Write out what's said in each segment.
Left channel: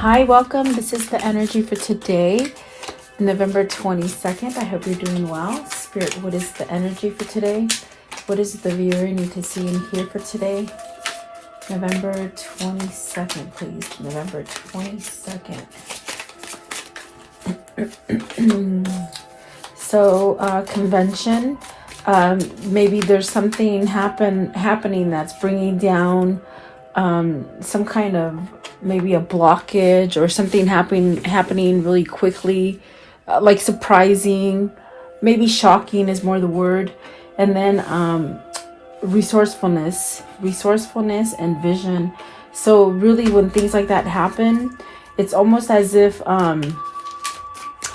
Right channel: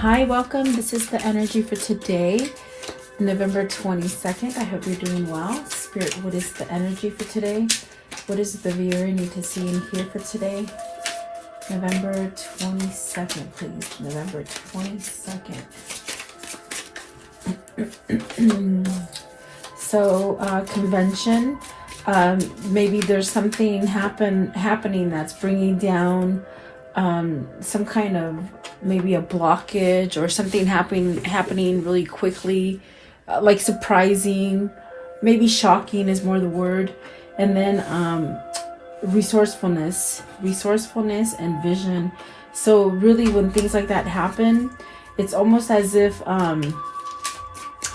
Hi, welcome. This is the energy for today, November 22nd. I hope you're doing well. Spirit, what is the energy for today? What is the viewer need to see and hear for today? November 22nd, please. November 22nd. So, convention. Maybe there's something happening that's bringing down some kind of maybe a blockage or something happening really quickly, like surprising, maybe shocking is more the word. And then resourcefulness and vision. So really when things like that happen, it's almost as if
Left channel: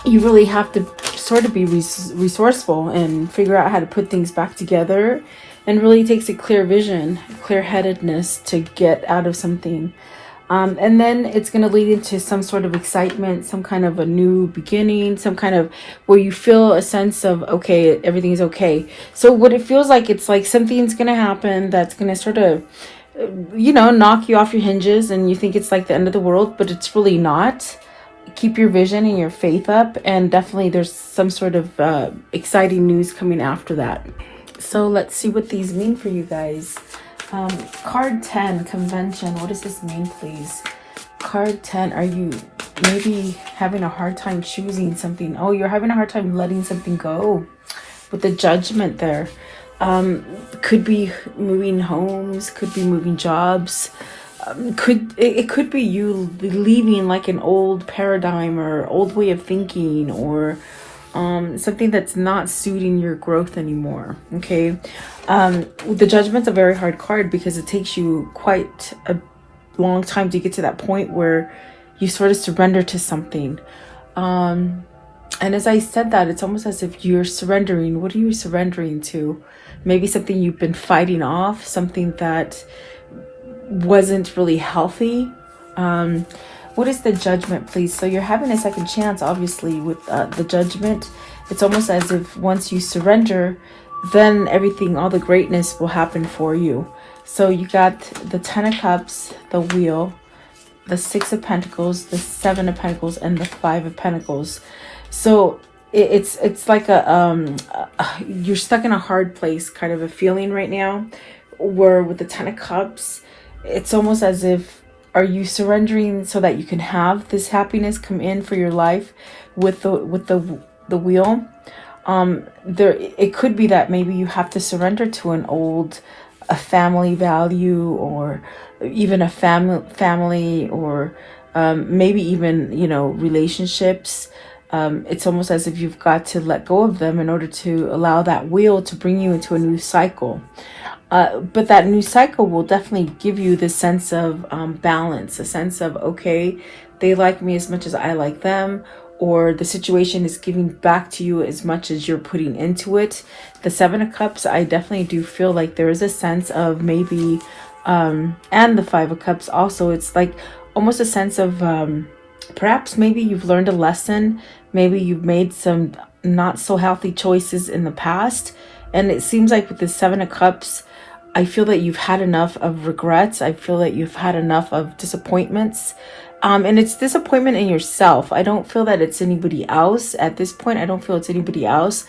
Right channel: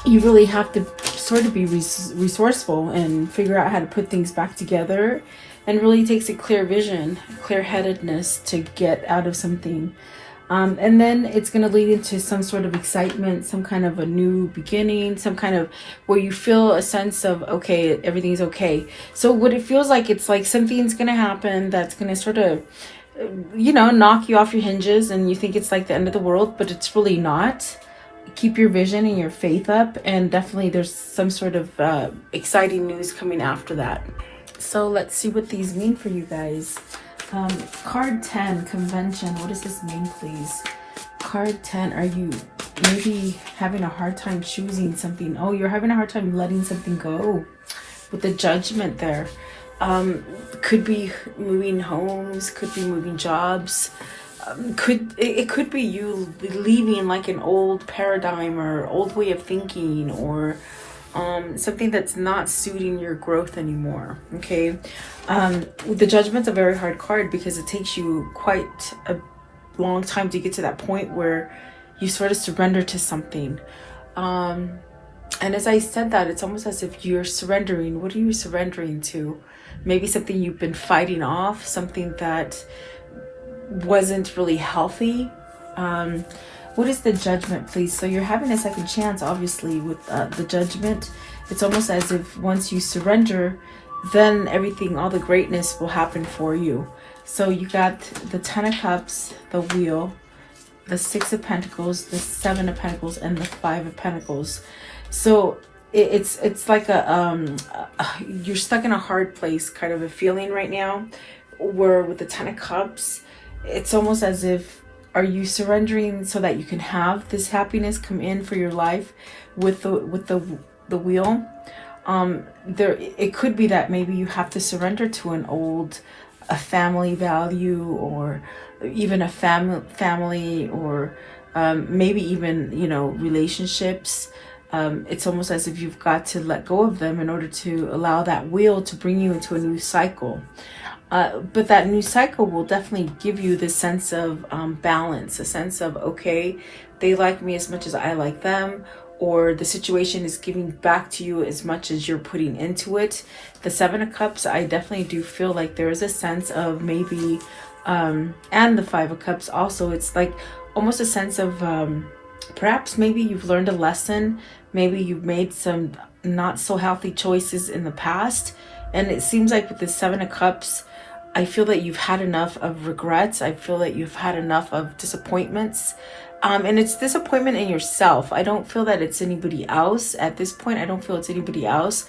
you really have to sort of be resourceful and figure out how to put things back together. And really takes a clear vision, clear-headedness to get out of something. And then it's going to lead into some sort of excitement, some kind of a new beginning, some kind of where you feel a sense of, okay, everything's okay. So what it feels like, it's like something's going to happen that's going to sort of, knock you off your hinges, and you think it's like the end of the world, but it's really not. Keep your vision and your faith up, and definitely there's some sort of exciting news coming after that. So let's see what these mean for you guys. Card 10, convention. What does this mean, please? Card 10, are you maybe having a hard time choosing something? Oh, you're having a hard time letting something go with the judgment there. Could be moving homes, could be moving jobs. It could be you leaving like an old paradigm or old way of thinking, or something that's not suiting your growth anymore. Okay. The judgment's a very hard card because it takes you quite a long time to get to that point where you sort of surrender to something. And as I said that, it's almost as if you're surrendering. What are you surrendering to? Maybe something you've been fighting off, something that wasn't really healthy. What is the judgment, please? So you're having a second chance, obviously, with the judgment. It's almost as if once you surrender, then everything, all the greatness will happen for you. So you got the 10 of Cups, the Wheel, the 6 of Pentacles, the 7 of Pentacles, and the 5 of Pentacles. So it's like you're stuck in a hard place, kind of a feeling right now, where with the 10 of Cups, it's almost as if, are you surrendering so that you can have this happiness come in for your life with the Wheel? It could be that maybe you have to surrender to a family value, or even a family, or maybe even relationships. It's almost as if you've got to let go of them in order to allow that wheel to bring you into a new cycle. But that new cycle will definitely give you this sense of balance, a sense of, okay, they like me as much as I like them, or the situation is giving back to you as much as you're putting into it. The 7 of Cups, I definitely do feel like there is a sense of maybe, and the 5 of Cups also, it's like almost a sense of perhaps maybe you've learned a lesson, maybe you've made some not so healthy choices in the past, and it seems like with the 7 of Cups, I feel that you've had enough of regrets. I feel that you've had enough of disappointments. And it's disappointment in yourself. I don't feel that it's anybody else at this point. I don't feel it's anybody else.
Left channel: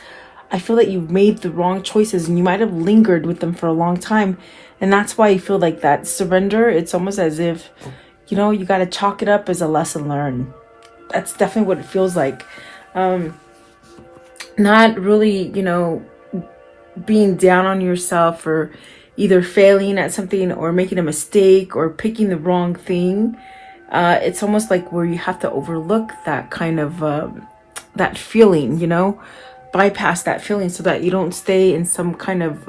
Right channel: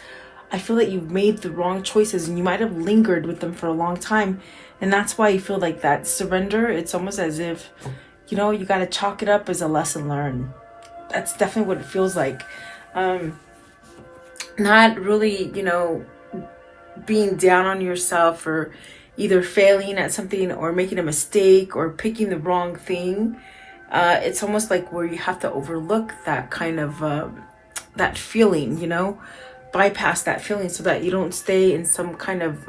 I feel that you've made the wrong choices and you might have lingered with them for a long time. And that's why I feel like that surrender, it's almost as if, you got to chalk it up as a lesson learned. That's definitely what it feels like. Not really, being down on yourself or either failing at something or making a mistake or picking the wrong thing. It's almost like where you have to overlook that kind of that feeling, bypass that feeling so that you don't stay in some kind of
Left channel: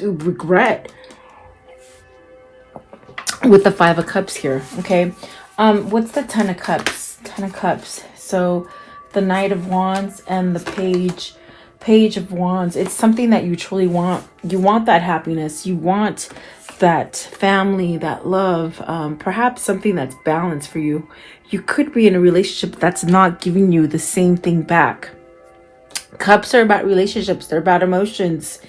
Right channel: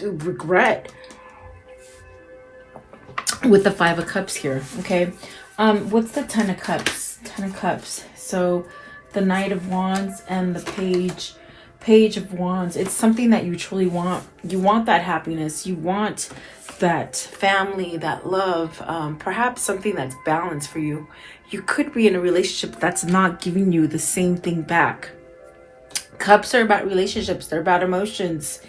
regret with the 5 of Cups here. Okay. What's the 10 of Cups? 10 of Cups. So the Knight of Wands and the Page of Wands. It's something that you truly want. You want that happiness. You want that family, that love, perhaps something that's balanced for you. You could be in a relationship that's not giving you the same thing back. Cups are about relationships. They're about emotions.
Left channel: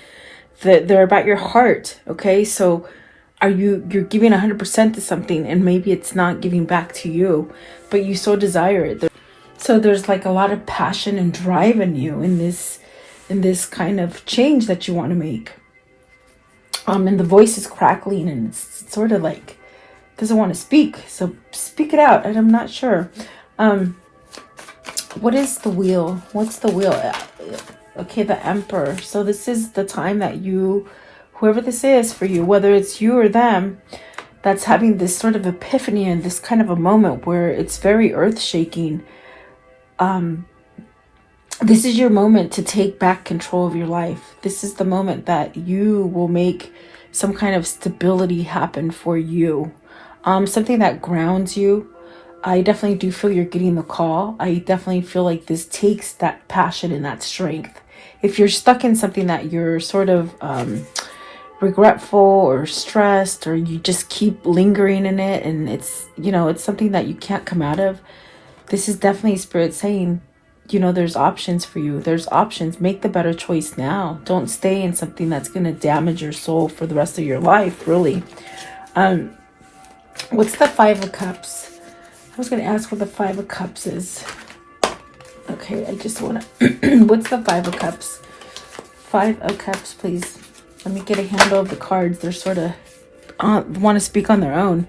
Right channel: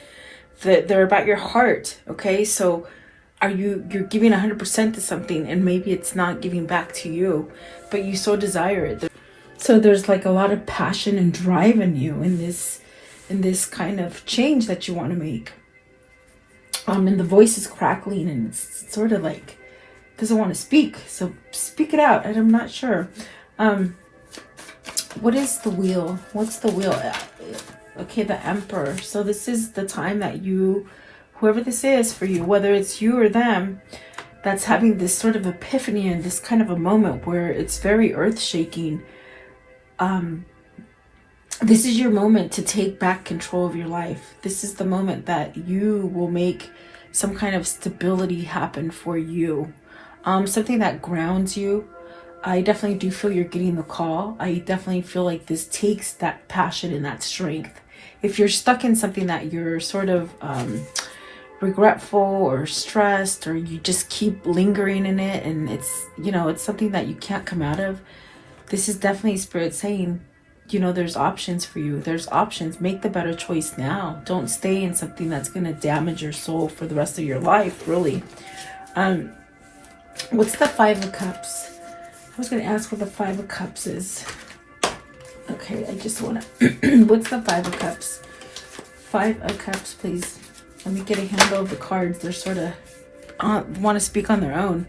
They're about your heart. Okay. So you're giving 100% to something, and maybe it's not giving back to you, but you so desire it. So there's like a lot of passion and drive in you in this kind of change that you want to make. And the voice is crackling, and it's sort of like doesn't want to speak. So speak it out. And I'm not sure. What is the wheel? What's the wheel? Okay, the Emperor. So this is the time that you, whoever this is for you, whether it's you or them, that's having this sort of epiphany and this kind of a moment where it's very earth-shaking. This is your moment to take back control of your life. This is the moment that you will make some kind of stability happen for you. Something that grounds you. I definitely do feel you're getting the call. I definitely feel like this takes that passion and that strength. If you're stuck in something that you're sort of regretful or stressed, or you just keep lingering in it, and it's, it's something that you can't come out of, this is definitely Spirit saying, there's options for you. There's options. Make the better choice now. Don't stay in something that's going to damage your soul for the rest of your life, really. What's the Five of Cups? I was going to ask what the Five of Cups is. Okay, I just want to... What's the Five of Cups? Five of Cups, please. Let me get a handle of the cards. They're sort of... want to speak on their own.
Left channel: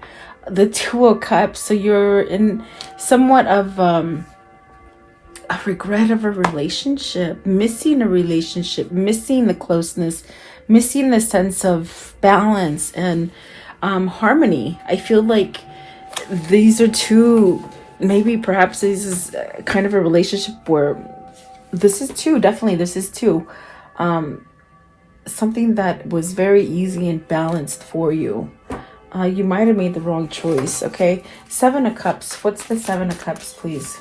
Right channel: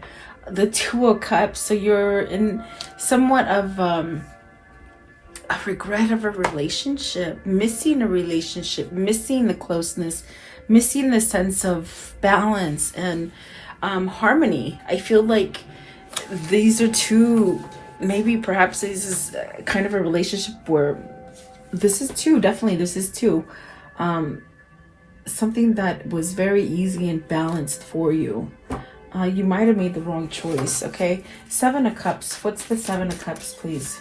The Two of Cups. So you're in somewhat of... a regret of a relationship, missing a relationship, missing the closeness, missing the sense of balance and harmony. I feel like these are two, maybe perhaps this is kind of a relationship where this is two, definitely this is two. Something that was very easy and balanced for you. You might have made the wrong choice, okay? Seven of Cups. What's the Seven of Cups, please?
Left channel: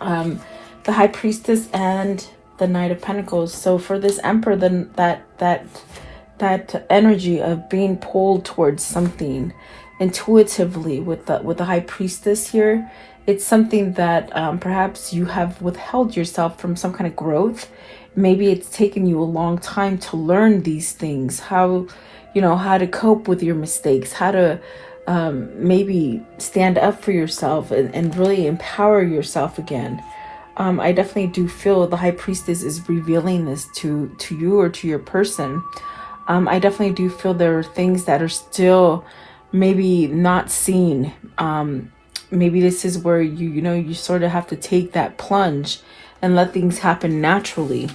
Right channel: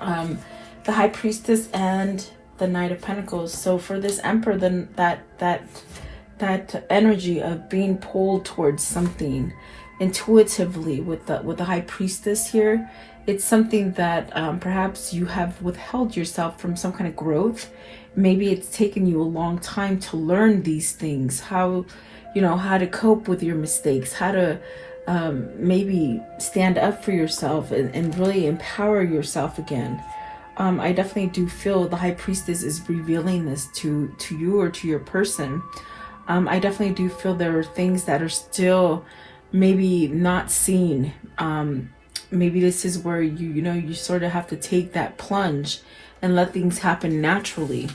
The High Priestess and the Knight of Pentacles. So for this Emperor, then that energy of being pulled towards something intuitively with the High Priestess here, it's something that perhaps you have withheld yourself from some kind of growth. Maybe it's taken you a long time to learn these things, how to cope with your mistakes, how to maybe stand up for yourself and really empower yourself again. I definitely do feel the High Priestess is revealing this to you or to your person. I definitely do feel there are things that are still maybe not seen. Maybe this is where you sort of have to take that plunge and let things happen naturally.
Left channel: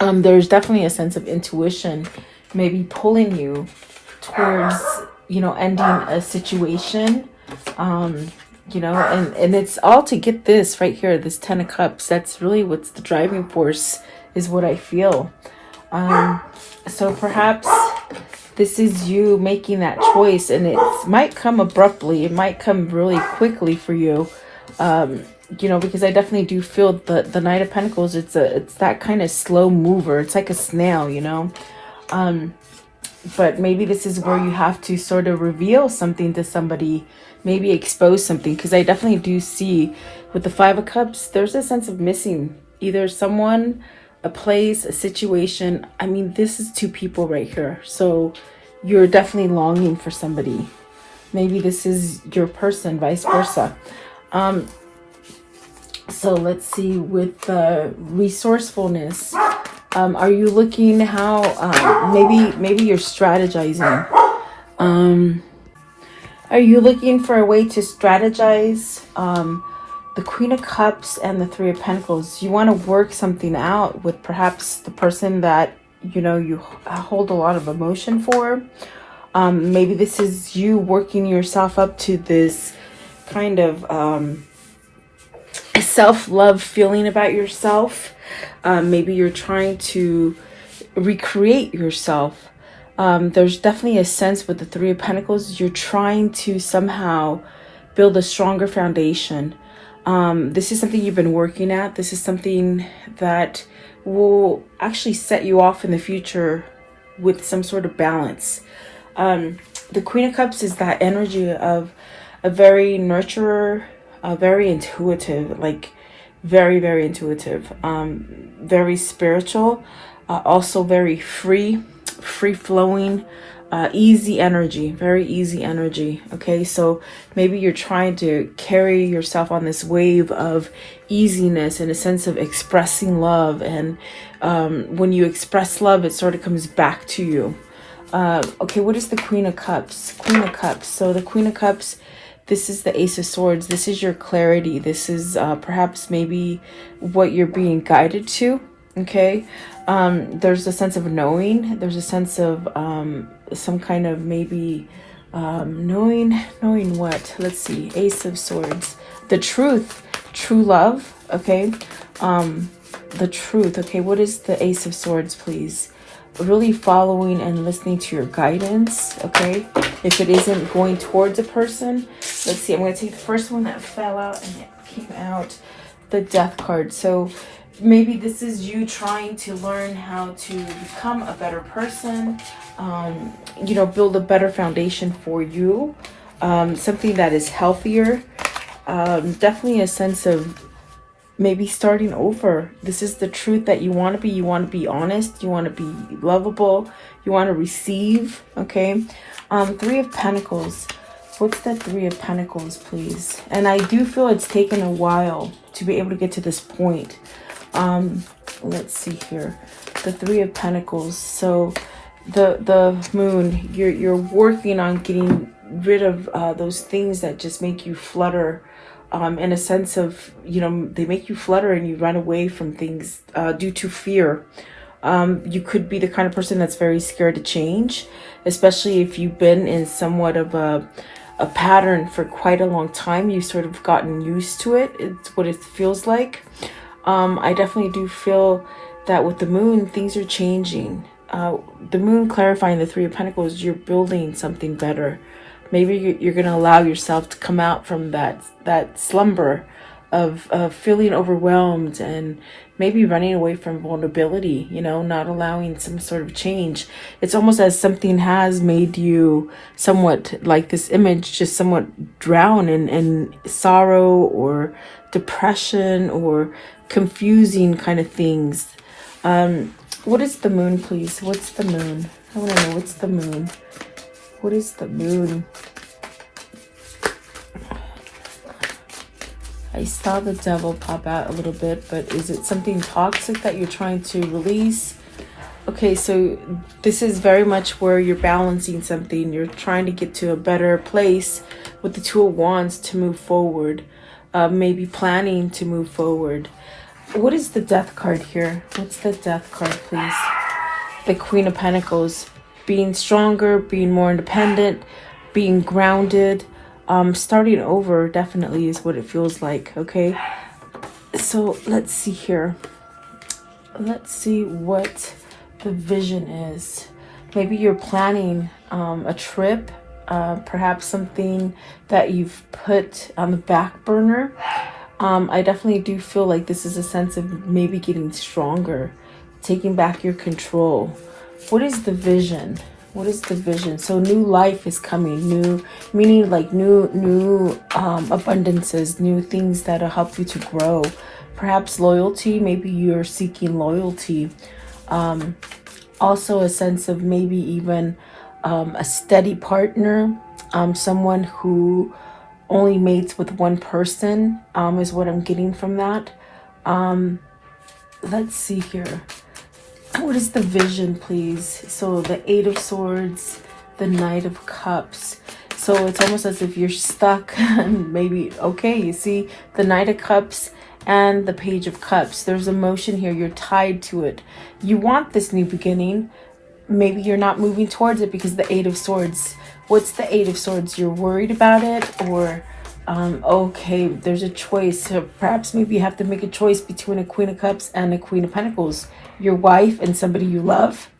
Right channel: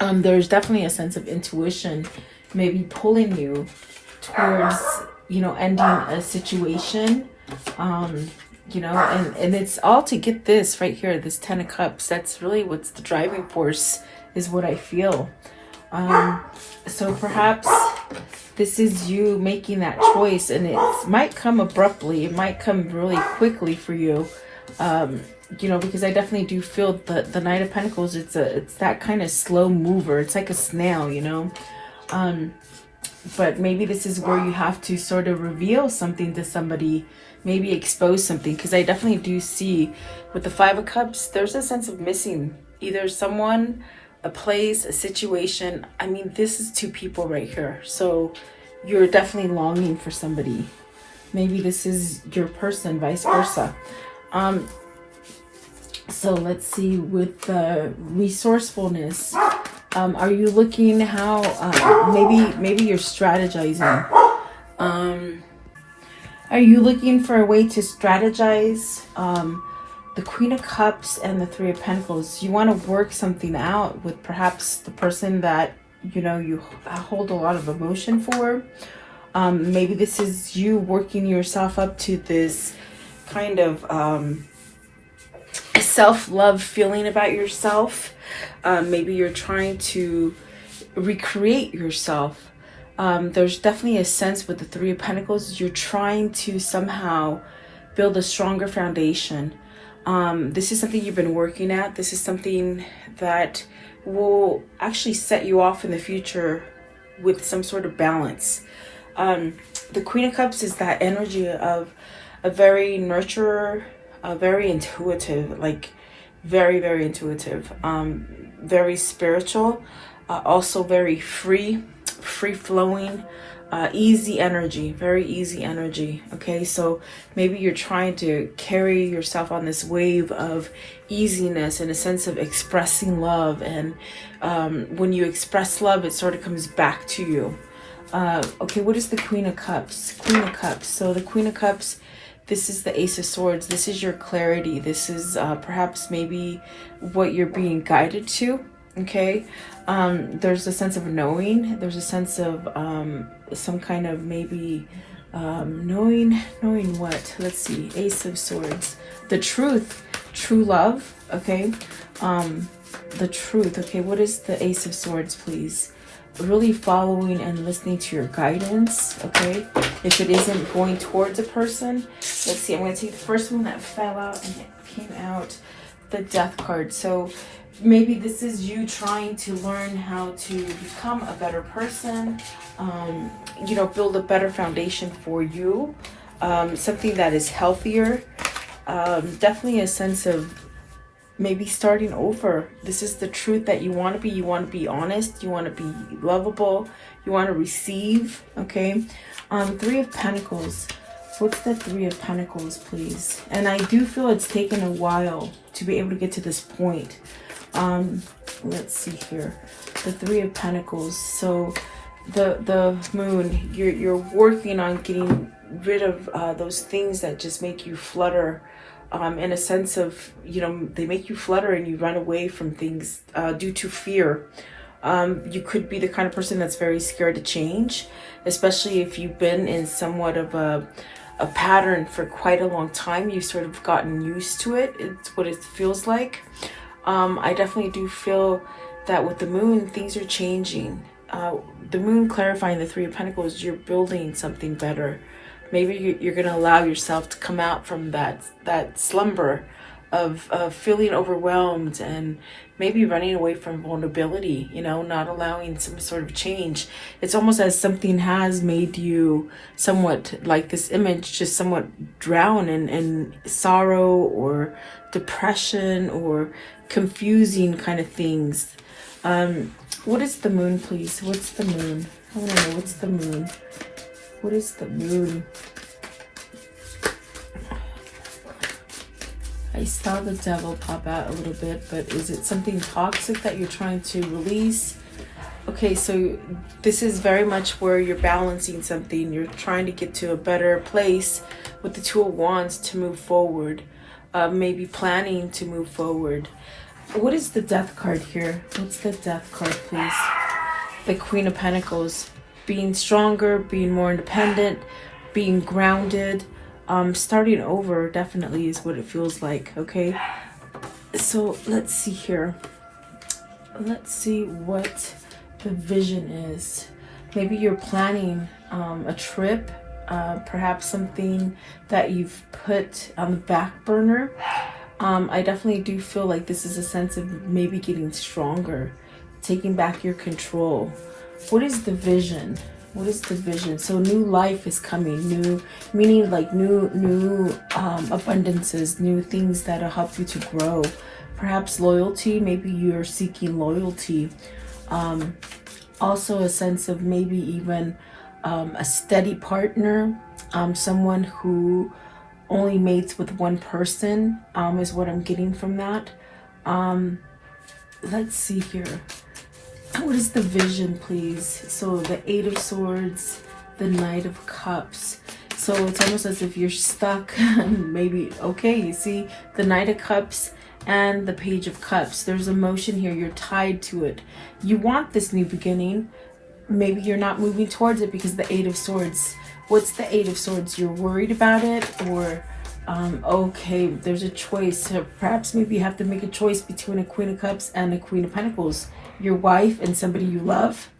There's definitely a sense of intuition maybe pulling you towards ending a situation, and it's all to get this right here, this Ten of Cups. That's really what's the driving force, is what I feel. So perhaps this is you making that choice, and it might come abruptly. It might come really quickly for you, because I definitely do feel the Knight of Pentacles. It's that kind of slow mover. It's like a snail, but maybe this is where you have to sort of reveal something to somebody, maybe expose something, because I definitely do see with the Five of Cups, there's a sense of missing either someone, a place, a situation. I mean, this is two people right here. So you're definitely longing for somebody. Maybe this is your person, vice versa. So let's see, with resourcefulness, are you looking how maybe you're strategizing? Are you looking for a way to strategize? The Queen of Cups and the Three of Pentacles. You want to work something out with perhaps the person that you hold a lot of emotion for. Maybe this is you working yourself up to this kind of self-love feeling about yourself. Maybe you're trying to recreate yourself. There's definitely a sense with the Three of Pentacles, you're trying to somehow build a stronger foundation. This is something you've been working at. This is something that will actually set you off in the future with some sort of balance. The Queen of Cups is that energy of a very nurturer, very intuitive, like very, very intuitive, very spiritual, also very free flowing, easy energy, very easy energy. Okay, so maybe you're trying to carry yourself on this wave of easiness and a sense of expressing love, and when you express love, it sort of comes back to you. Okay, what is the Queen of Cups? Queen of Cups. So the Queen of Cups, this is the Ace of Swords. This is your clarity. This is perhaps maybe what you're being guided to. Okay, there's a sense of knowing. There's a sense of some kind of maybe knowing what. Let's see, Ace of Swords, the truth, true love. Okay, the truth. Okay, what is the Ace of Swords, please? Really following and listening to your guidance. Okay, if it isn't going towards a person, let's see, I'm going to take the first one that fell out, and it came out the Death card. So maybe this is you trying to learn how to become a better person, you know, build a better foundation for you, something that is healthier, definitely a sense of maybe starting over. This is the truth that you want to be. You want to be honest. You want to be lovable. You want to receive. Okay. Three of Pentacles. What's the Three of Pentacles, please? And I do feel it's taken a while to be able to get to this point. Let's see here. The Three of Pentacles. So the Moon, you're working on getting rid of those things that just make you flutter. In a sense of, you know, they make you flutter and you run away from things due to fear. You could be the kind of person that's very scared to change, especially if you've been in somewhat of a pattern for quite a long time. You've sort of gotten used to it. It's what it feels like. I definitely do feel that with the Moon, things are changing. The Moon clarifying the Three of Pentacles, you're building something better. Maybe you're going to allow yourself to come out from that slumber of feeling overwhelmed and maybe running away from vulnerability, you know, not allowing some sort of change. It's almost as something has made you somewhat, like this image, just somewhat drown in sorrow or depression or confusing kind of things. What is the Moon, please? What's the Moon? I want to know, what's the Moon? What is the Moon? I saw the Devil pop out a little bit, but is it something toxic that you're trying to release? Okay, so this is very much where you're balancing something. You're trying to get to a better place with the Two of Wands to move forward. Maybe planning to move forward. What is the Death card here? What's the Death card, please? The Queen of Pentacles. Being stronger, being more independent, being grounded, starting over definitely is what it feels like. Okay, so let's see here. Let's see what the vision is. Maybe you're planning a trip, perhaps something that you've put on the back burner. I definitely do feel like this is a sense of maybe getting stronger, taking back your control. What is the vision? What is the vision? So new life is coming, new, meaning like new abundances, new things that'll help you to grow. Perhaps loyalty, maybe you're seeking loyalty. Also a sense of maybe even a steady partner, someone who only mates with one person, is what I'm getting from that. Let's see here. What is the vision, please? So the Eight of Swords, the Knight of Cups. So it's almost as if you're stuck. Maybe, okay, you see the Knight of Cups and the Page of Cups. There's emotion here. You're tied to it. You want this new beginning. Maybe you're not moving towards it because the Eight of Swords. What's the Eight of Swords? You're worried about it, or okay, there's a choice. So perhaps maybe you have to make a choice between a Queen of Cups and a Queen of Pentacles. Your wife and somebody you love.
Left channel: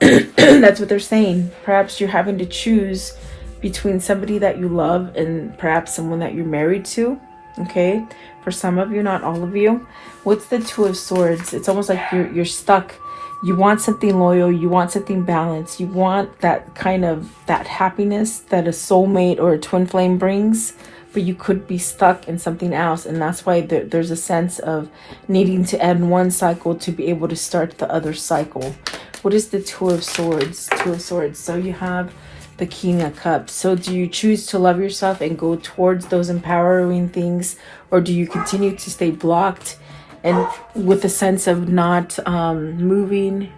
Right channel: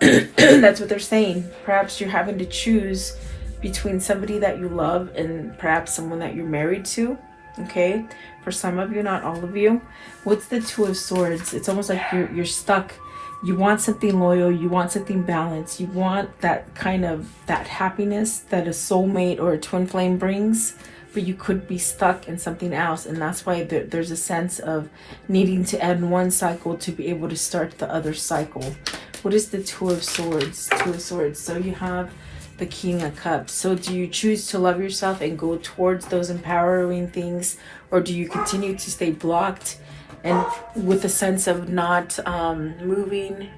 That's what they're saying. Perhaps you're having to choose between somebody that you love and perhaps someone that you're married to. Okay, for some of you, not all of you. What's the Two of Swords? It's almost like you're stuck. You want something loyal, you want something balanced, you want that kind of that happiness that a soulmate or a twin flame brings, but you could be stuck in something else. And that's why there's a sense of needing to end one cycle to be able to start the other cycle. What is the Two of Swords? Two of Swords. So you have the King of Cups. So do you choose to love yourself and go towards those empowering things, or do you continue to stay blocked and with a sense of not moving,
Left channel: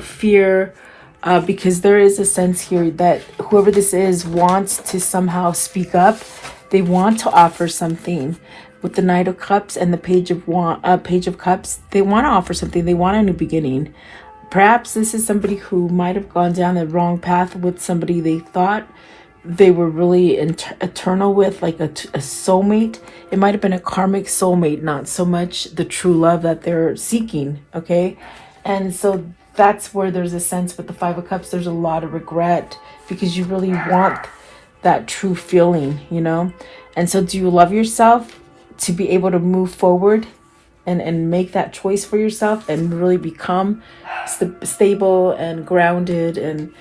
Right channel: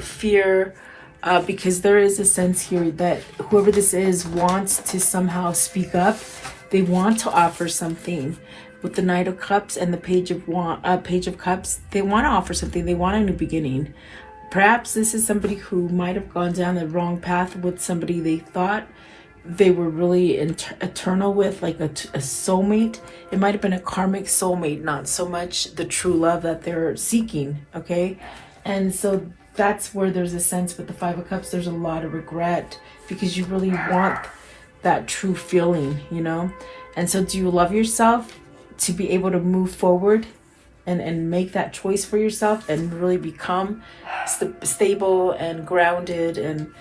fear? Because there is a sense here that whoever this is wants to somehow speak up. They want to offer something. With the Knight of Cups and the Page of Cups, they want to offer something. They want a new beginning. Perhaps this is somebody who might have gone down the wrong path with somebody they thought they were really eternal with, like a soulmate. It might have been a karmic soulmate, not so much the true love that they're seeking, okay? And so that's where there's a sense with the Five of Cups, there's a lot of regret because you really want that true feeling, you know? And so do you love yourself to be able to move forward and make that choice for yourself and really become stable and grounded and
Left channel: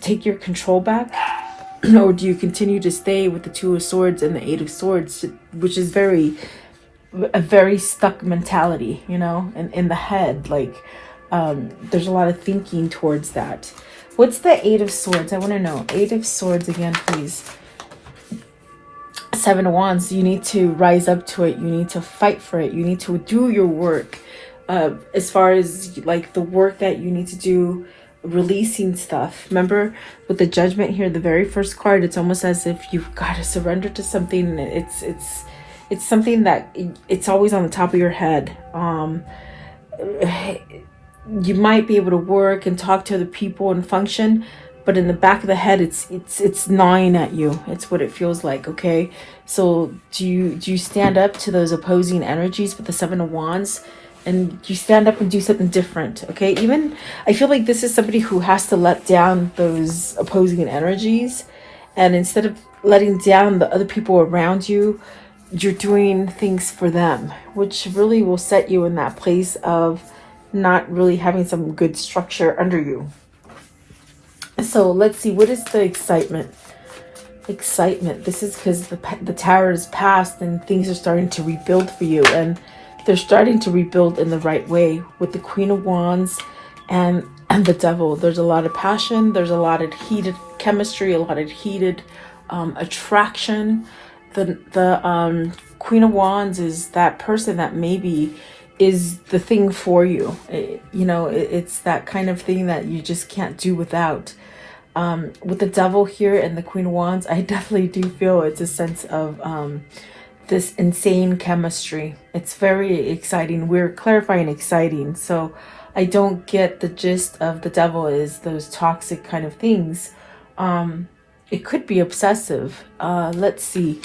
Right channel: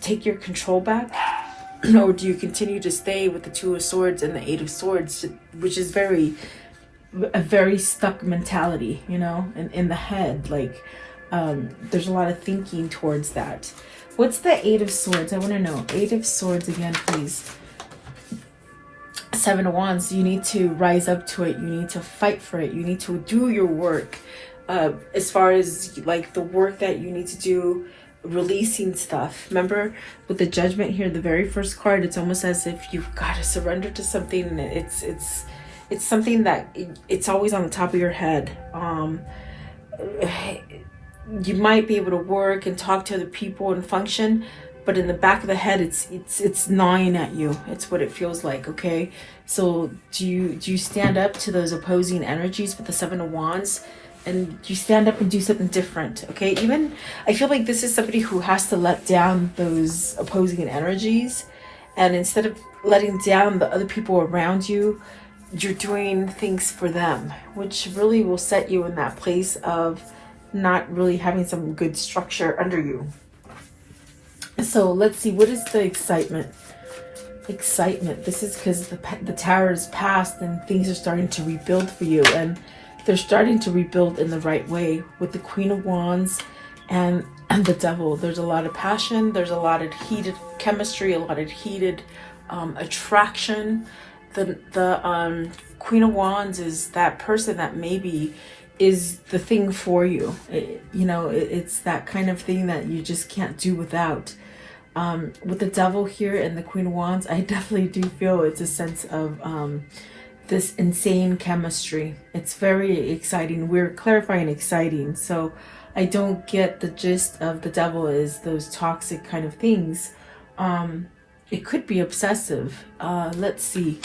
take your control back? Or do you continue to stay with the Two of Swords and the Eight of Swords, which is a very stuck mentality, you know, in the head? Like there's a lot of thinking towards that. What's the Eight of Swords? I want to know. Eight of Swords again, please. Seven of Wands. You need to rise up to it. You need to fight for it. You need to do your work. As far as like the work that you need to do, releasing stuff. Remember with the Judgment here, the very first card, it's almost as if you've got to surrender to something. It's something that it's always on the top of your head. You might be able to work and talk to other people and function, but in the back of the head, it's gnawing at you. It's what it feels like. Okay, so do you stand up to those opposing energies with the Seven of Wands, and you stand up and do something different? Okay, even I feel like this is somebody who has to let down those opposing energies, and instead of letting down the other people around you, you're doing things for them, which really will set you in that place of not really having some good structure under you. So let's see, what is the excitement? Excitement. This is because the Tower is passed and things are starting to rebuild for you, and they're starting to rebuild in the right way with the Queen of Wands and the Devil. There's a lot of passion. There's a lot of heated chemistry, a lot of heated attraction. The Queen of Wands is that person that maybe is the thing for you. It's that kind of thing that you just can't do without. With the Devil here and the Queen of Wands, I definitely do feel it's a sense of this insane chemistry. It's very exciting. We're clarifying exciting. So I don't get the gist of the Devil is those toxic kind of things. It could be obsessive. Let's see.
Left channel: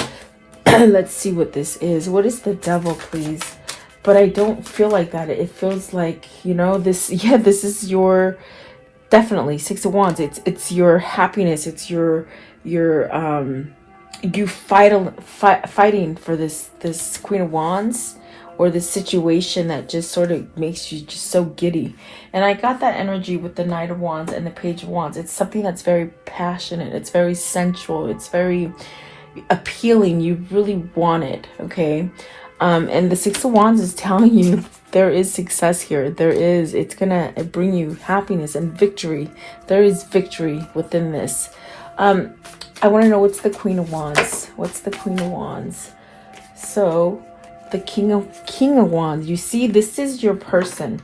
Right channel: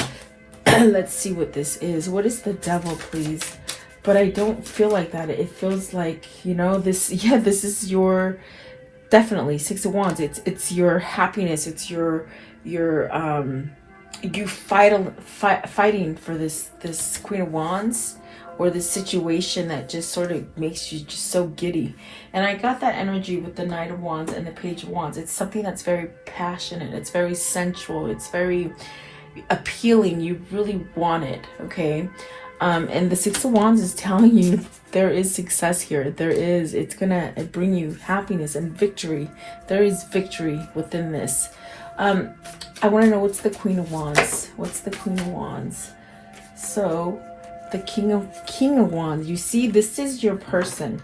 Let's see what this is. What is the Devil, please? But I don't feel like that. It feels like, this is your, definitely Six of Wands. It's your happiness. It's your you fighting for this Queen of Wands, or this situation that just sort of makes you just so giddy. And I got that energy with the Knight of Wands and the Page of Wands. It's something that's very passionate. It's very sensual. It's very appealing. You really want it, okay? And the Six of Wands is telling you there is success here. It's gonna bring you happiness and victory. There is victory within this. I want to know, what's the Queen of Wands? What's the Queen of Wands? So the King of Wands, you see, this is your person.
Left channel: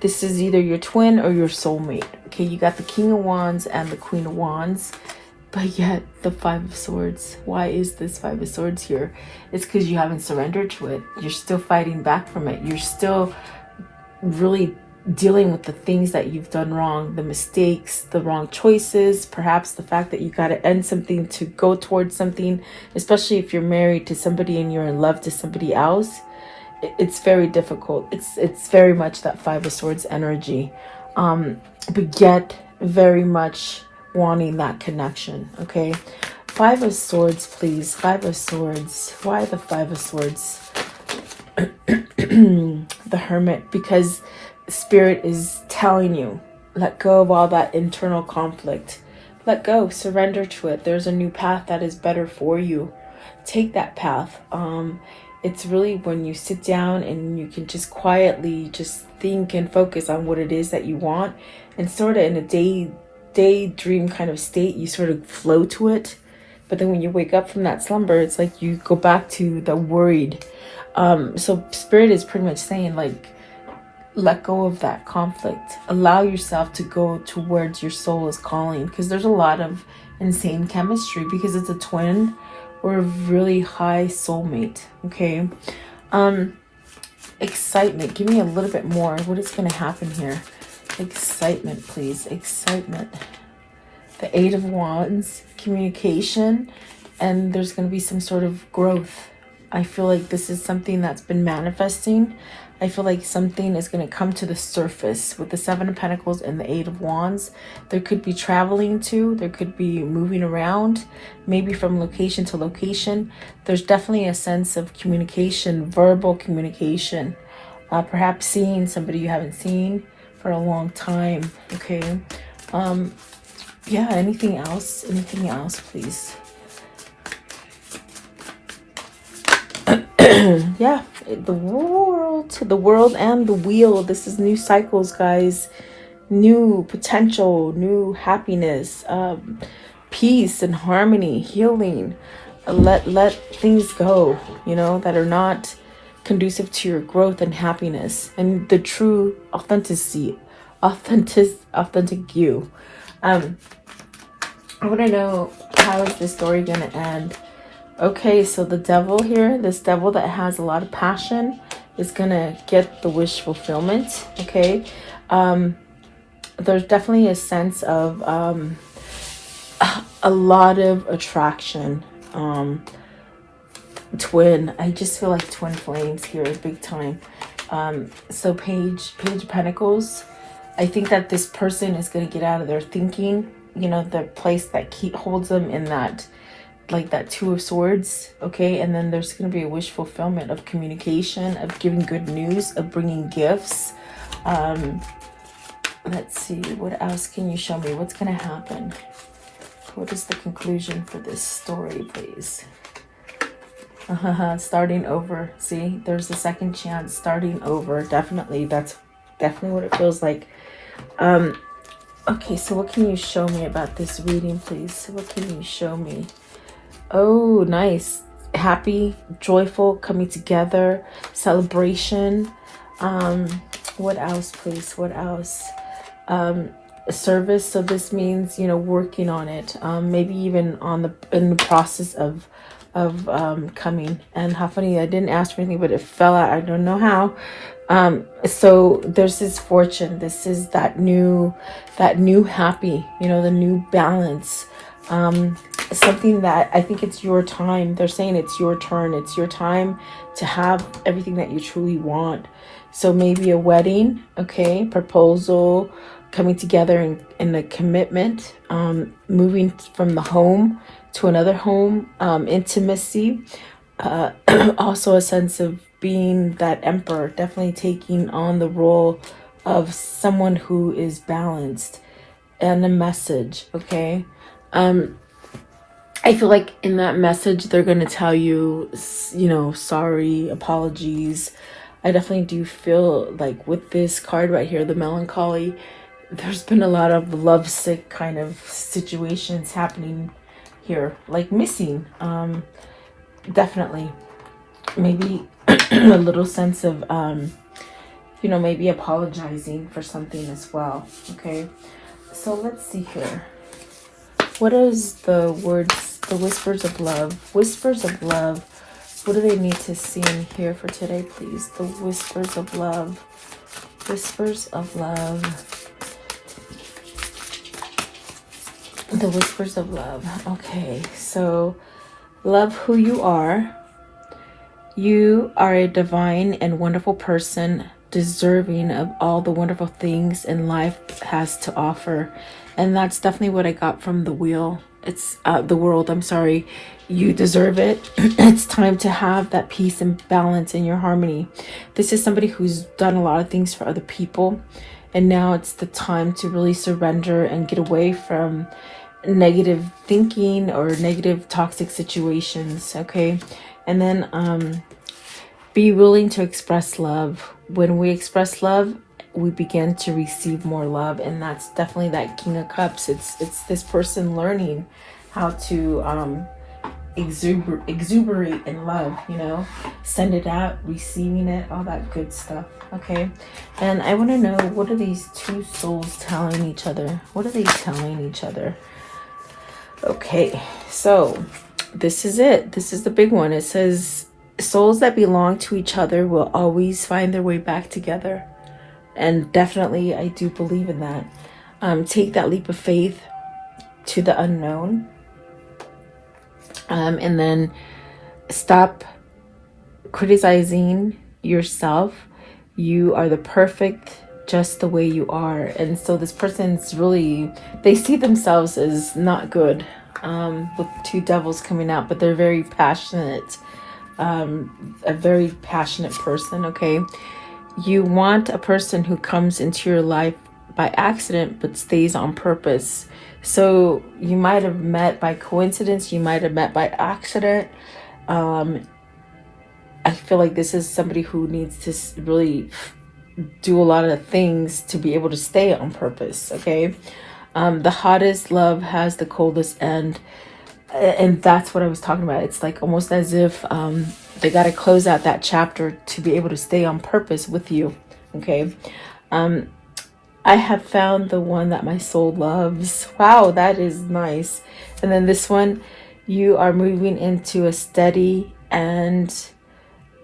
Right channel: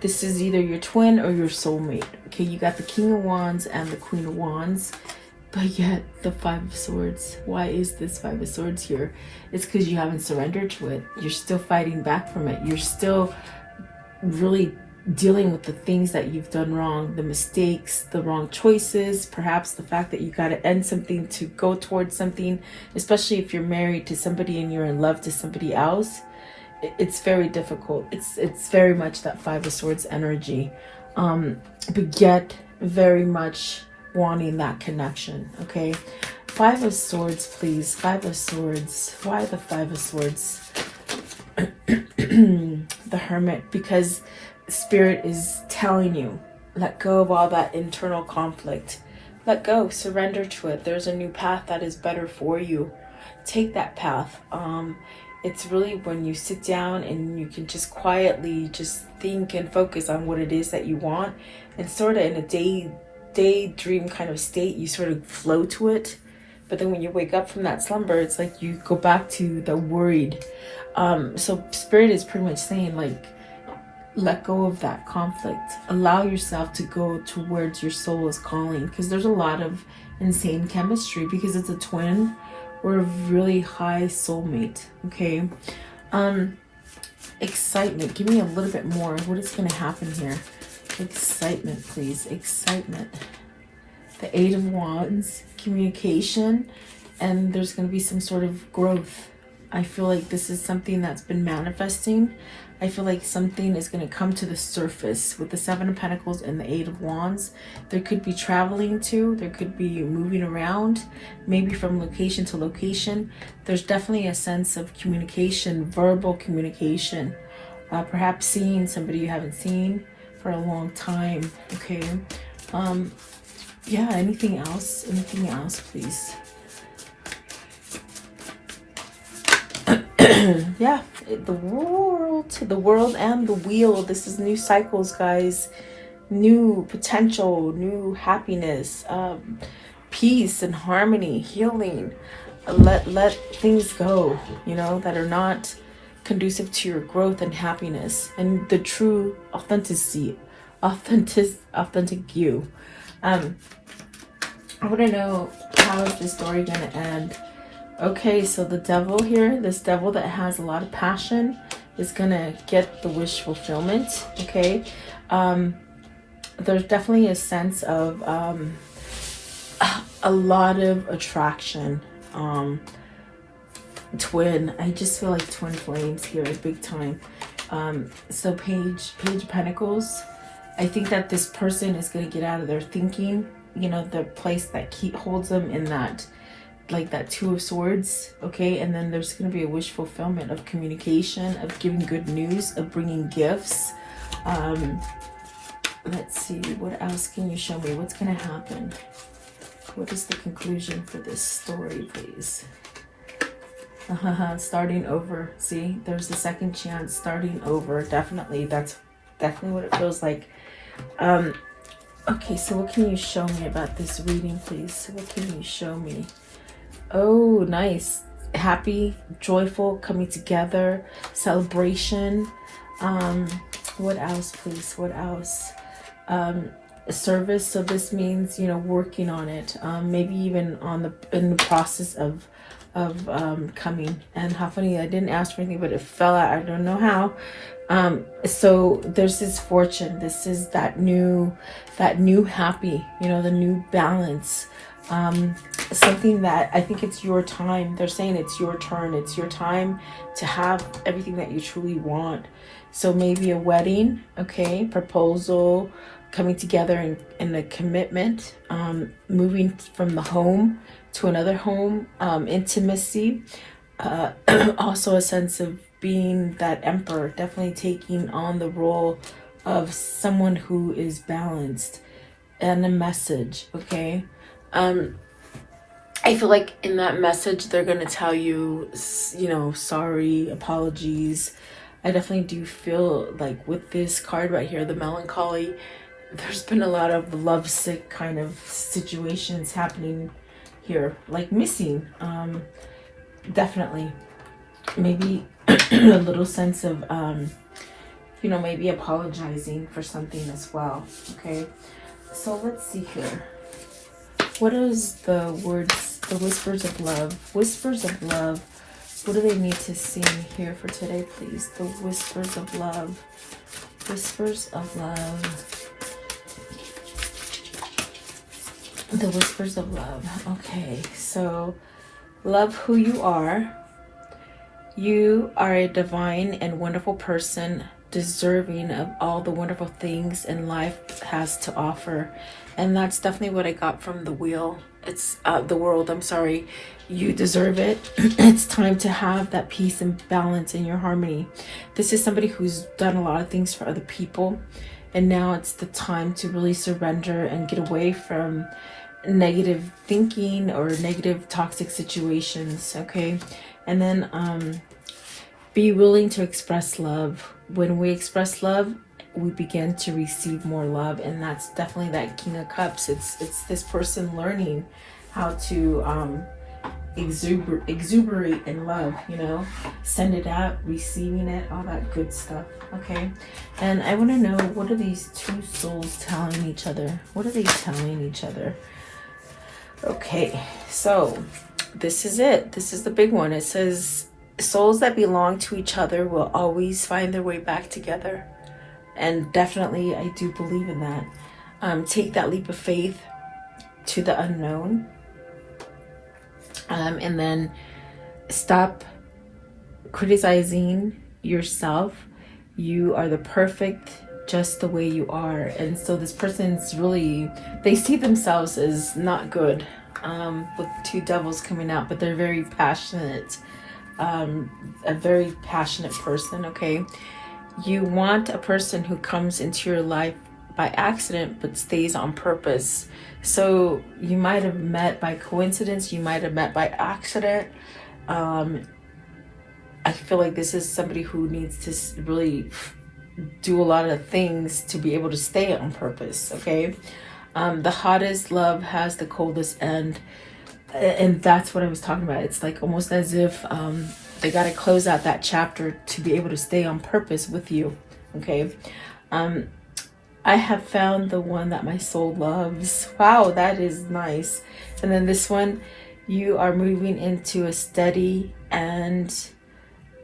This is either your twin or your soulmate. Okay, you got the King of Wands and the Queen of Wands, but yet the Five of Swords. Why is this Five of Swords here? It's because you haven't surrendered to it. You're still fighting back from it. You're still really dealing with the things that you've done wrong, the mistakes, the wrong choices, perhaps the fact that you got to end something to go towards something, especially if you're married to somebody and you're in love to somebody else. It's very difficult. It's very much that Five of Swords energy, but yet very much wanting that connection. Okay, Five of Swords, please. Five of Swords. Why the Five of Swords? The Hermit, because Spirit is telling you, let go of all that internal conflict. Let go, surrender to it. There's a new path that is better for you. Take that path. It's really when you sit down and you can just quietly just think and focus on what it is that you want, and sort of in a daydream kind of state, you sort of flow to it. But then when you wake up from that slumber, it's like you go back to the worried. So Spirit is pretty much saying, like, let go of that conflict. Allow yourself to go towards your soul is calling, because there's a lot of insane chemistry, because it's a twin or a really high soulmate. Okay. Excitement. Give me a little bit more. What is going to happen here? Excitement, please. Excitement. The Eight of Wands, communication, and there's going to be some sort of growth. I feel like this is something that's been manifesting. I feel like something is going to come to the surface with the Seven of Pentacles and the Eight of Wands. There could be traveling too. There could be moving around, maybe from location to location. There's definitely a sense of communication, verbal communication. Perhaps seeing somebody you haven't seen for a long time. Okay. Yeah, anything else? Anything else, please? Yeah, the world and the wheel. This is new cycles, guys. New potential, new happiness, peace and harmony, healing. Let things go, you know, that are not conducive to your growth and happiness and the true authentic you. I want to know, how is this story going to end? Okay, so the devil here, this devil that has a lot of passion, is going to get the wish fulfillment. Okay. There's definitely a sense of a lot of attraction. Twin. I just feel like twin flames here, big time. So Page of Pentacles. I think that this person is going to get out of their thinking, you know, the place that holds them in that, like that Two of Swords. Okay. And then there's going to be a wish fulfillment of communication, of giving good news, of bringing gifts. Let's see, what else can you show me? What's going to happen? What is the conclusion for this story, please? Starting over. See, there's a second chance, starting over. Definitely. That's definitely what it feels like. Okay, so what can you show me about this reading, please? What can you show me? Oh, nice. Happy, joyful, coming together, celebration. What else, please? What else? Service. So this means, you know, working on it. Maybe even in the process of coming. And how funny, I didn't ask for anything, but it fell out. I don't know how. So there's this fortune. This is that new happy, you know, the new balance. Something that I think it's your time. They're saying it's your turn. It's your time to have everything that you truly want. So maybe a wedding, okay, proposal, coming together in a commitment, moving from the home to another home, intimacy, also a sense of being that emperor, definitely taking on the role of someone who is balanced, and a message. Okay. I feel like in that message, they're going to tell you, you know, sorry, apologies. I definitely do feel like with this card right here, the melancholy, there's been a lot of lovesick kind of situations happening here, like missing. Definitely. Maybe a little sense of, you know, maybe apologizing for something as well. Okay. So let's see here. What is the words, the whispers of love? Whispers of love. What do they need to see in here for today, please? The whispers of love. Whispers of love. The whispers of love. Okay, so love who you are. You are a divine and wonderful person, deserving of all the wonderful things in life has to offer. And that's definitely what I got from the wheel. It's the world, I'm sorry. You deserve it. It's time to have that peace and balance in your harmony. This is somebody who's done a lot of things for other people, and now it's the time to really surrender and get away from negative thinking or negative toxic situations. Okay. And then Be willing to express love. When we express love, we begin to receive more love, and that's definitely that King of Cups. It's this person learning how to exuberate in love, you know, send it out, receiving it, all that good stuff. Okay, and I want to know, what are these two souls telling each other? What are they telling each other? Okay, so this is it. This is the big one. It says souls that belong to each other will always find their way back together. And definitely I do believe in that. Take that leap of faith to the unknown. And then stop criticizing yourself. You are the perfect just the way you are. And so this person's really, they see themselves as not good, with two devils coming out, but they're very passionate, a very passionate person. Okay, you want a person who comes into your life by accident but stays on purpose. So you might have met by coincidence, you might have met by accident. I feel like this is somebody who needs to really do a lot of things to be able to stay on purpose. Okay, the hottest love has the coldest end, and that's what I was talking about. It's like almost as if they got to close out that chapter to be able to stay on purpose with you. Okay, I have found the one that my soul loves. Wow, that is nice. And then this one, you are moving into a steady and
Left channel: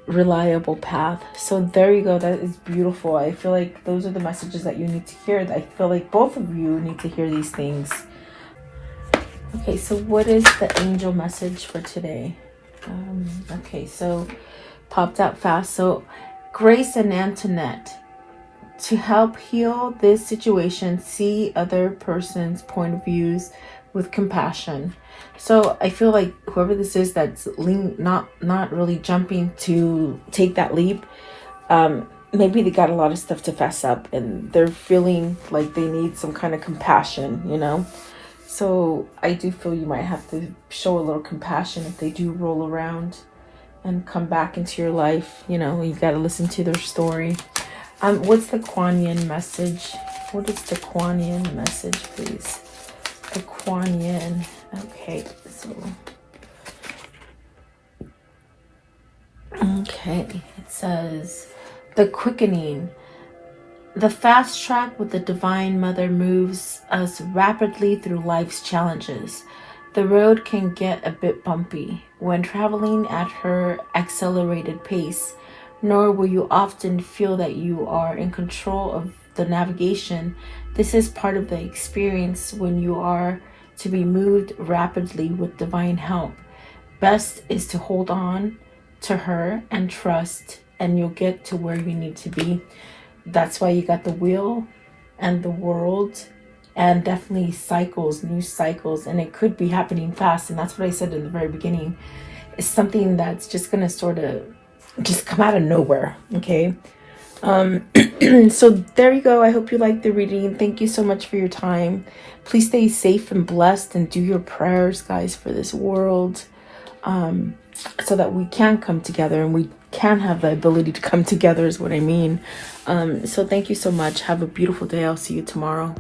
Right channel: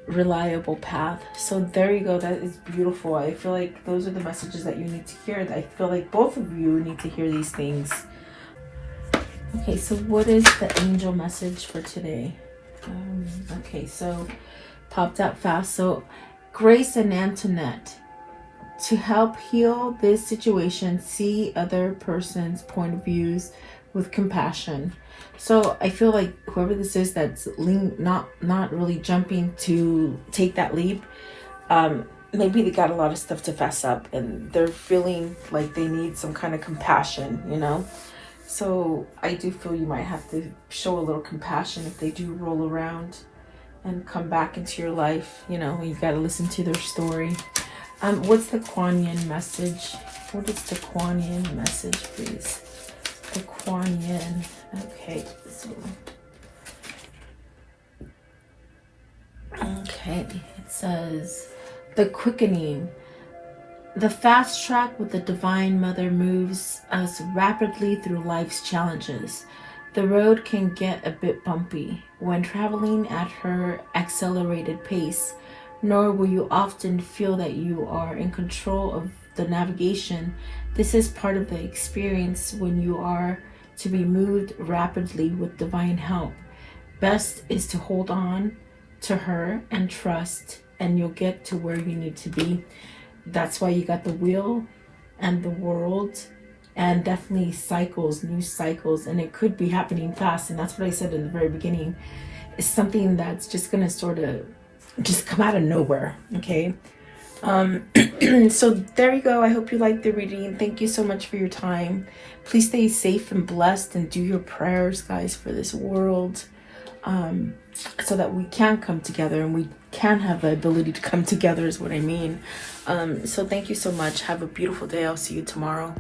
reliable path. So there you go. That is beautiful. I feel like those are the messages that you need to hear. I feel like both of you need to hear these things. Okay, so what is the angel message for today? Okay, so popped out fast. So Grace and Antoinette, to help heal this situation, see other person's point of views with compassion. So I feel like whoever this is that's not really jumping to take that leap, maybe they got a lot of stuff to fess up and they're feeling like they need some kind of compassion, you know. So I do feel you might have to show a little compassion if they do roll around and come back into your life. You know, you got to listen to their story. What's the Kuan Yin message? What is the Kuan Yin message, please? The Kuan Yin. Okay, so okay, it says the quickening. The fast track with the Divine Mother moves us rapidly through life's challenges. The road can get a bit bumpy when traveling at her accelerated pace, nor will you often feel that you are in control of the navigation. This is part of the experience when you are to be moved rapidly with divine help. Best is to hold on to her and trust, and you'll get to where you need to be. That's why you got the wheel and the world, and definitely cycles, new cycles, and it could be happening fast. And that's what I said in the very beginning. It's something that's just going to sort of just come out of nowhere. Okay. So there you go. I hope you liked the reading. Thank you so much for your time. Please stay safe and blessed, and do your prayers, guys, for this world, so that we can come together and we can have the ability to come together is what I mean. So thank you so much. Have a beautiful day. I'll see you tomorrow.